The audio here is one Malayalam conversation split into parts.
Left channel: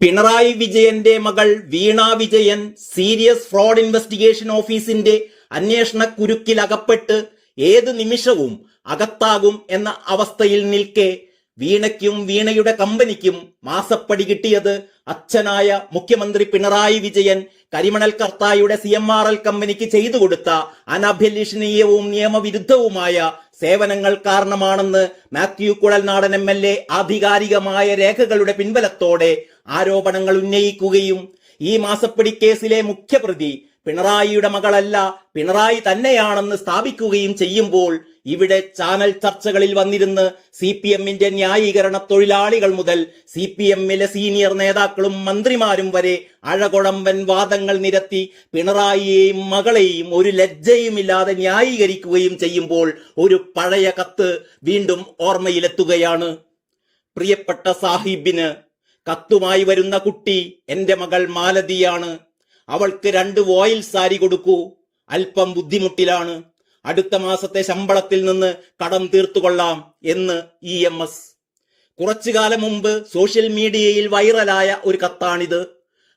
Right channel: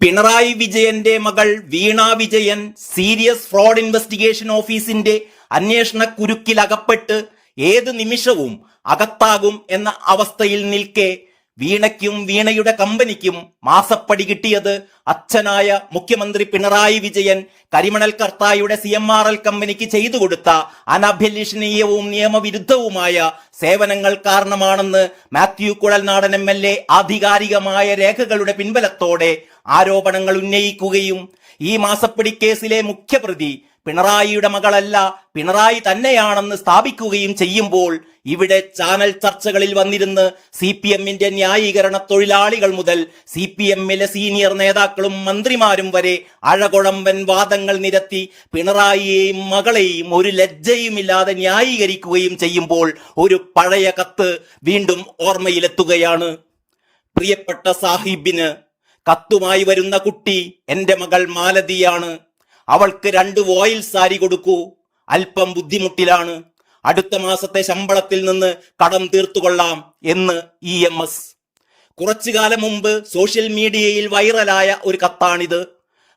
പിണറായി വിജയന്റെ മകൾ Veena Vijayan serious fraud investigation ഓഫീസിന്റെ അന്വേഷണ കുരുക്കിലകപ്പെട്ട് ഏത് നിമിഷവും അകത്താകും എന്ന അവസ്ഥയിൽ നിൽക്കെ വീണയ്ക്കും വീണയുടെ കമ്പനിക്കും മാസപ്പടി കിട്ടിയത് അച്ഛനായ മുഖ്യമന്ത്രി പിണറായി വിജയൻ കരിമണൽ കർത്തായുടെ CMRL കമ്പനിക്ക് ചെയ്തു കൊടുത്ത അനഭിലഷണീയവും നിയമവിരുദ്ധവുമായ സേവനങ്ങൾ കാരണമാണെന്ന് മാത്യു കുഴൽനാടൻ MLA ആധികാരികമായ രേഖകളുടെ പിൻബലത്തോടെ ആരോപണങ്ങൾ ഉന്നയിക്കുകയും ഈ മാസപ്പടി കേസിലെ മുഖ്യപ്രതി പിണറായിയുടെ മകളല്ല പിണറായി തന്നെയാണെന്ന് സ്ഥാപിക്കുകയും ചെയ്യുമ്പോൾ ഇവിടെ ചാനൽ ചർച്ചകളിൽ വന്നിരുന്ന് CPMന്റെ ന്യായീകരണ തൊഴിലാളികൾ മുതൽ CPMലെ സീനിയർ നേതാക്കളും മന്ത്രിമാരും വരെ അഴകൊഴമ്പൻ വാദങ്ങൾ നിരത്തി പിണറായിയെയും മകളെയും ഒരു ലജ്ജയുമില്ലാതെ ന്യായീകരിക്കുകയും ചെയ്യുമ്പോൾ ഒരു പഴയ കത്ത് വീണ്ടും ഓർമ്മയിലെത്തുകയാണ്. പ്രിയപ്പെട്ട സാഹിബിന് കത്തുമായി വരുന്ന കുട്ടി എന്റെ മകൾ മാലതിയാണ്. അവൾക്ക് 2 വോയിൽ സാരി കൊടുക്കൂ. അല്പം ബുദ്ധിമുട്ടിലാണ്. അടുത്ത മാസത്തെ ശമ്പളത്തിൽ നിന്ന് കടം തീർത്തുകൊള്ളാം എന്ന് EMS. കുറച്ചു കാലം മുമ്പ് സോഷ്യൽ മീഡിയയിൽ വൈറലായ ഒരു കത്താണിത്.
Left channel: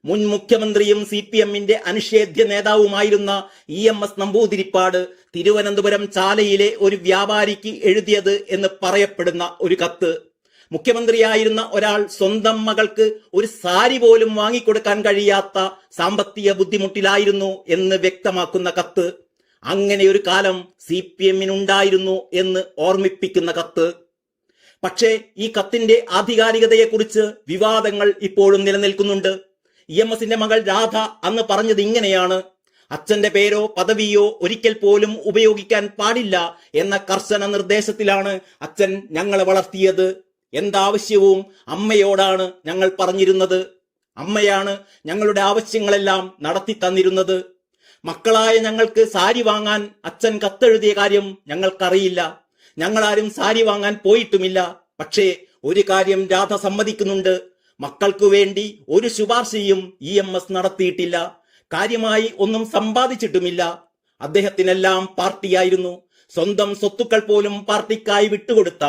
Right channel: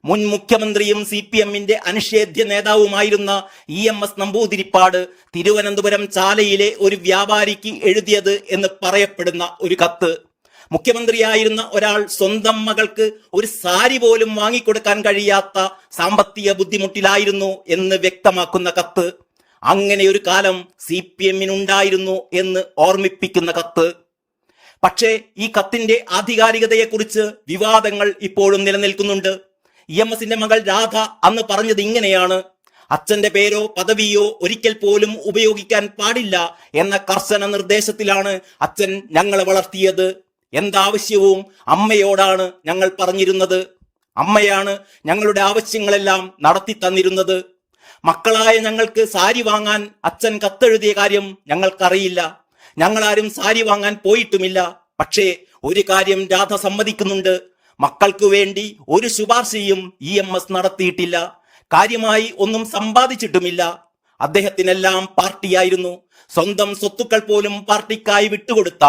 മുൻ മുഖ്യമന്ത്രിയും CPMന്റെ അനിഷേധ്യ നേതാവുമായിരുന്ന EMS നമ്പൂതിരിപ്പാട് തിരുവനന്തപുരം ചാലയിലെ ഒരു വ്യാപാരിക്ക് എഴുതിയത് എന്ന് പറയപ്പെടുന്ന ഒരു കത്ത്. മുഖ്യമന്ത്രിയായിരുന്ന ഒരാൾ സ്വന്തം മകൾക്ക് ഒരു സാരി പോലും വാങ്ങിക്കൊടുക്കാൻ കഴിയാത്ത സാമ്പത്തിക ബുദ്ധിമുട്ടിലായിരുന്നു എന്ന് വ്യക്തമാക്കുന്ന കത്ത്. അങ്ങനെ ഒരു കാലം CPMനുണ്ടായിരുന്നു എന്ന് ഓർമ്മിപ്പിക്കുന്ന കത്ത്. പക്ഷേ ഈ കത്തിന്റെ ആധികാരികതയെക്കുറിച്ച് വിവാദങ്ങൾ ഇപ്പോഴും നിലനിൽക്കുന്നുണ്ട്. EMSന്റെ മകൾ രാധ അന്ന് പറഞ്ഞത് ഇങ്ങനെയാണ്: അച്ഛന്റെ പേരോ പദവിയോ ഒരിക്കൽ പോലും ഉപയോഗിക്കാൻ പാടില്ല എന്ന കർശന നിർദ്ദേശത്തിലാണ് അച്ഛൻ ഞങ്ങളെ വളർത്തിയത്. എന്താവശ്യവും അമ്മയോടാണ് ഞങ്ങൾ പറഞ്ഞിരുന്നത്. അമ്മയാണ് ഞങ്ങളുടെ ആവശ്യങ്ങളെല്ലാം നടത്തി തന്നിരുന്നത്. മക്കളായ ഞങ്ങൾക്ക് സാരി വാങ്ങാൻ അച്ഛൻ കത്തെഴുതിയ കാര്യം ഞങ്ങൾക്കറിയില്ല. ഞങ്ങളാരും സാരി വാങ്ങാൻ പോയിട്ടുമില്ല. പക്ഷേ ഒരു കാര്യം രാധ സമ്മതിക്കുന്നുണ്ട്: മക്കൾക്കു വേണ്ടി ഒരു ശുപാർശയും EMS നടത്തിയിട്ടില്ല. കാര്യമായി ഒന്നും സമ്പാദിച്ചിട്ടുമില്ല. അദ്ദേഹത്തിനെല്ലാം പാർട്ടിയായിരുന്നു. സ്വന്തം സ്വത്തുക്കൾ പോലും പാർട്ടിക്കായി വിട്ടുകൊടുത്ത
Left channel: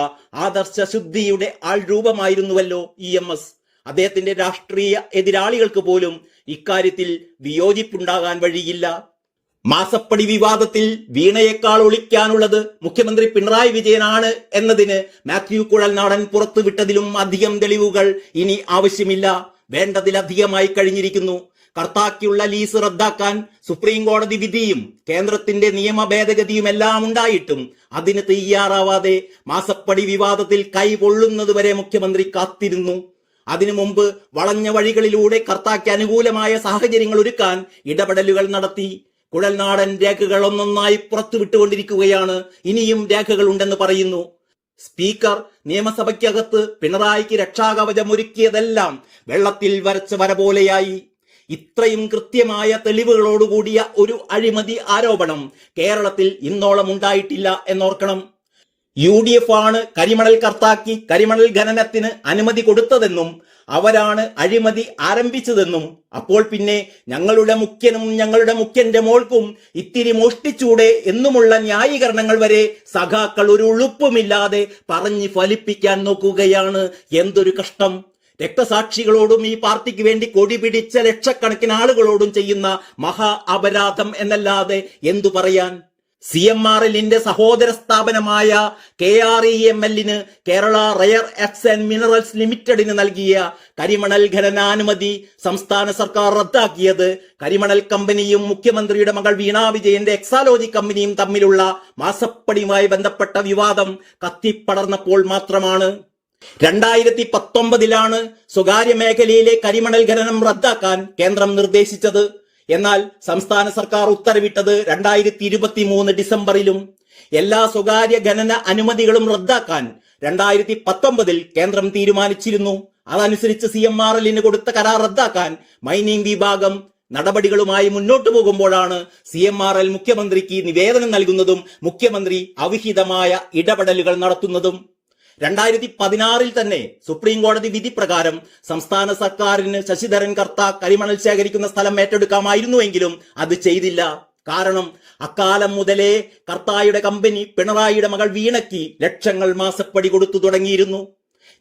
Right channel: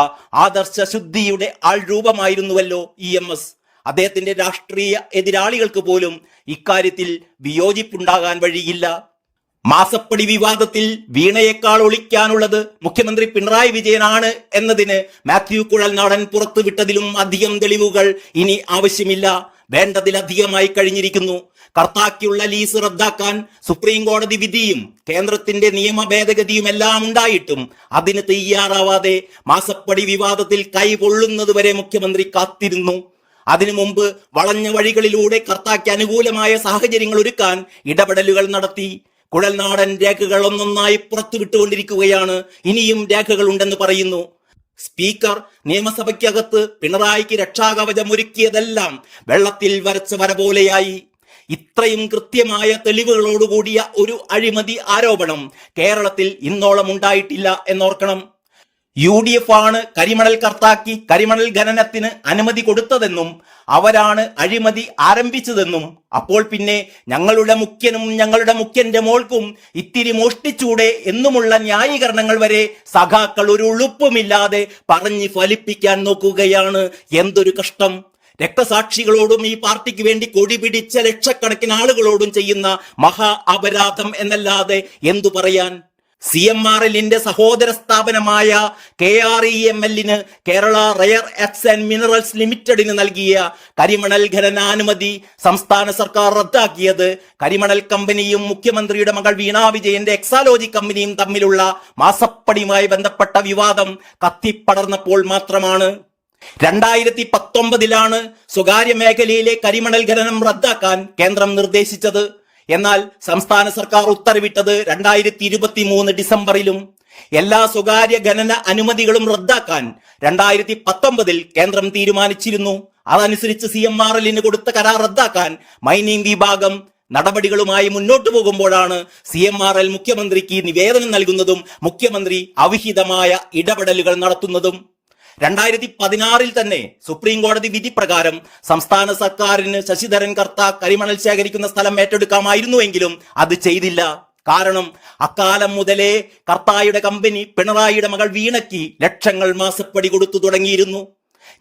ആദർശ ശുദ്ധിയുടെ ആൾരൂപമായിരുന്നുവല്ലോ EMS. അദ്ദേഹത്തിന്റെ രാഷ്ട്രീയ എതിരാളികൾക്ക് പോലും ഇക്കാര്യത്തിൽ വിയോജിപ്പുണ്ടാകാൻ വഴിയില്ല. മാസപ്പടി വിവാദത്തിൽ വീണയേക്കാൾ ഒളിക്കാനുള്ളത് മുഖ്യമന്ത്രി പിണറായി വിജയനാണ് എന്നതിന് മാത്യു കുഴൽനാടൻ പുറത്തുവിട്ടതിലും അധികം തെളിവുകൾ ഇനി ആവശ്യമില്ല. വേണ്ടതിലധികമായി കഴിഞ്ഞിരിക്കുന്നു. കർത്താക്കുള്ള ലീസ് റദ്ദാക്കാൻ സുപ്രീം കോടതി വിധിയും കേന്ദ്രത്തിന്റെ നിയമ ഭേദഗതിയുമെല്ലാം ഉണ്ടായിട്ടും അതിന് തയ്യാറാവാതെ മാസപ്പടി വിവാദത്തിൽ കൈപൊള്ളുന്നതുവരെ മുഖ്യമന്ത്രി കാത്തിരുന്നു. അതിനു മുമ്പ് വളഞ്ഞ വഴികളിലൂടെ കർത്താക്ക് അനുകൂലമായ സാഹചര്യങ്ങൾ ഒരുക്കാൻ ഇടപെടലുകൾ നടത്തി. കുഴൽനാടൻ രേഖകൾ ഒന്നൊന്നായി പുറത്തുവിട്ടുകൊണ്ടിരിക്കുകയാണ്. ഇനിയും രേഖകൾ ഉണ്ടെന്ന് പറയുന്നു. സ്പീക്കർ നിയമസഭയ്ക്കകത്ത് പിണറായിക്ക് രക്ഷാകവചം ഒരുക്കിയതെല്ലാം വെള്ളത്തിൽ വരച്ച വര പോലെയായി. ഇത്രയും കൃത്യമായ തെളിവുകളോടുകൂടിയ ഒരു അഴിമതി ആരോപണം കേരളത്തിൽ ഇന്നോളം ഉണ്ടായിട്ടില്ല എന്നോർക്കണം. UDF ആണ് കരിമണൽ കർത്താക്കി കരിമണൽ ഖനനത്തിന് അനുമതി കൊടുത്തതെന്നും അവരാണ് അഴിമതി ആരംഭിച്ചതെന്നും അപ്പോൾ പിന്നെ ഞങ്ങളുടെ മുഖ്യനും ഞങ്ങളുടെ മുഖ്യന്റെ മോൾക്കും ഇത്തിരി മോഷ്ടിച്ചൂടെ എന്നുമുള്ള ന്യായീകരണങ്ങൾ വരെ സഖാക്കൾ ഒരു ഉളുപ്പുമില്ലാതെ പറഞ്ഞ് ഫലിപ്പിക്കാൻ നോക്കുകയാണ്. എന്തൊരു കഷ്ടം! രക്തസാക്ഷികളോടും ഈ പാർട്ടിക്ക് വേണ്ടി കൊടി പിടിച്ച ലക്ഷക്കണക്കിന് ആളുകളോടും ചെയ്യുന്ന മഹാ അപരാധം എന്നല്ലാതെ എന്തു പറയാൻ? CMRLന്റെ സഹോദര സ്ഥാപനമായ KREMLന് Kerala rare earth and minerals ലിമിറ്റഡിന് നൽകിയ കരിമണൽ ഖനനാനുമതി സംസ്ഥാന സർക്കാർ റദ്ദാക്കിയത് കരിമണൽ കമ്പനിയും മുഖ്യമന്ത്രിയുടെ മകൾ വീണ വിജയന്റെ എക്സാലോജി കമ്പനിയും തമ്മിലുള്ള മാസപ്പടിയുമായി ബന്ധപ്പെട്ട വിവാദം കത്തിപ്പടർന്നപ്പോൾ മാത്രമാണ്. 2019 സ്വകാര്യ മേഖലയിലെ കരിമണൽ ഖനനം റദ്ദാക്കാൻ കേന്ദ്രം നിർദ്ദേശിച്ചത്. എന്നാൽ സംസ്ഥാന സർക്കാർ ഉത്തരവിട്ടത് 2023 ഡിസംബറിലും. എല്ലാ സ്വകാര്യ ഖനന അനുമതികളും റദ്ദാക്കാൻ 2019 കേന്ദ്രം തീരുമാനിച്ചിരുന്നു. അതനുസരിച്ച് CMRLന് കൊടുത്ത കരാർ റദ്ദാക്കാൻ മൈനിങ് വിഭാഗം നടപടികളുമായി മുന്നോട്ടു പോകുമ്പോഴാണ് CMRL മുഖ്യമന്ത്രിക്ക് നിവേദനം നൽകുന്നതും മുഖ്യമന്ത്രി അവിഹിതമായ ഇടപെടലുകൾ നടത്തുന്നതും. 2016 തന്നെ സുപ്രീം കോടതി വിധി പ്രകാരം സംസ്ഥാന സർക്കാരിന് ശശിധരൻ കർത്ത കരിമണൽ ശേഖരിക്കുന്ന സ്ഥലം ഏറ്റെടുക്കാമായിരുന്നുവെങ്കിലും അത് ചെയ്തില്ല. കാരണം അക്കാലം മുതലേ കർത്തായുടെ കമ്പനി പിണറായിയുടെ മകൾ വീണയ്ക്ക് ലക്ഷങ്ങൾ മാസപ്പടി കൊടുത്തു തുടങ്ങിയിരുന്നു.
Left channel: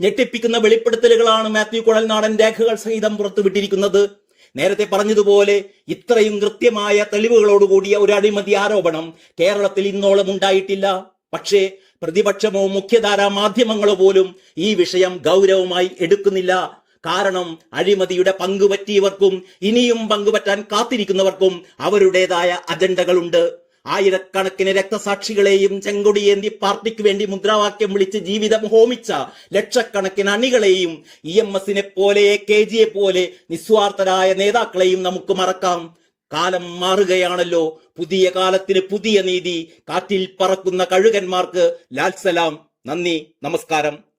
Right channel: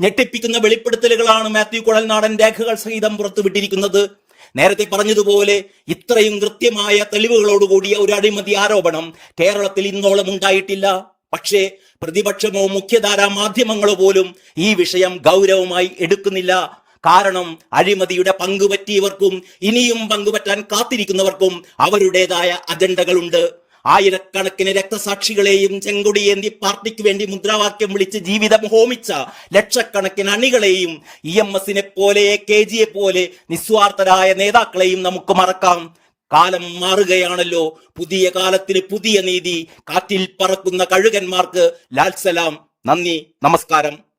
ഞെട്ടിപ്പിക്കുന്ന വെളിപ്പെടുത്തലുകളാണ് മാത്യു കുഴൽനാടൻ രേഖകൾ സഹിതം പുറത്തുവിട്ടിരിക്കുന്നത്. നേരത്തെ പറഞ്ഞതുപോലെ ഇത്രയും കൃത്യമായ തെളിവുകളോടുകൂടിയ ഒരു അഴിമതി ആരോപണം കേരളത്തിൽ ഇന്നോളം ഉണ്ടായിട്ടില്ല. പക്ഷേ പ്രതിപക്ഷമോ മുഖ്യധാരാ മാധ്യമങ്ങളോ പോലും ഈ വിഷയം ഗൗരവമായി എടുക്കുന്നില്ല. കാരണം അഴിമതിയുടെ പങ്കുപറ്റിയവർക്കും ഇനിയും പങ്കുപറ്റാൻ കാത്തിരിക്കുന്നവർക്കും അവരുടേതായ അജണ്ടകളുണ്ട്. ആയിരക്കണക്കിന് രക്തസാക്ഷികളെയും ചെങ്കൊടിയേന്തി പാർട്ടിക്ക് വേണ്ടി മുദ്രാവാക്യം വിളിച്ച് ജീവിതം ഹോമിച്ച ലക്ഷക്കണക്കിന് അണികളെയും EMS പോലെ KG പോലെ നിസ്വാർത്ഥരായ നേതാക്കളെയും നമുക്ക് മറക്കാം. കാലം മാറുകയാണല്ലോ. പുതിയ കാലത്തിന് പുതിയ നീതി. കാറ്റിൽ പറക്കുന്ന കഴുകന്മാർക്ക് ലാൽ സലാം. നന്ദി, നമസ്കാരം.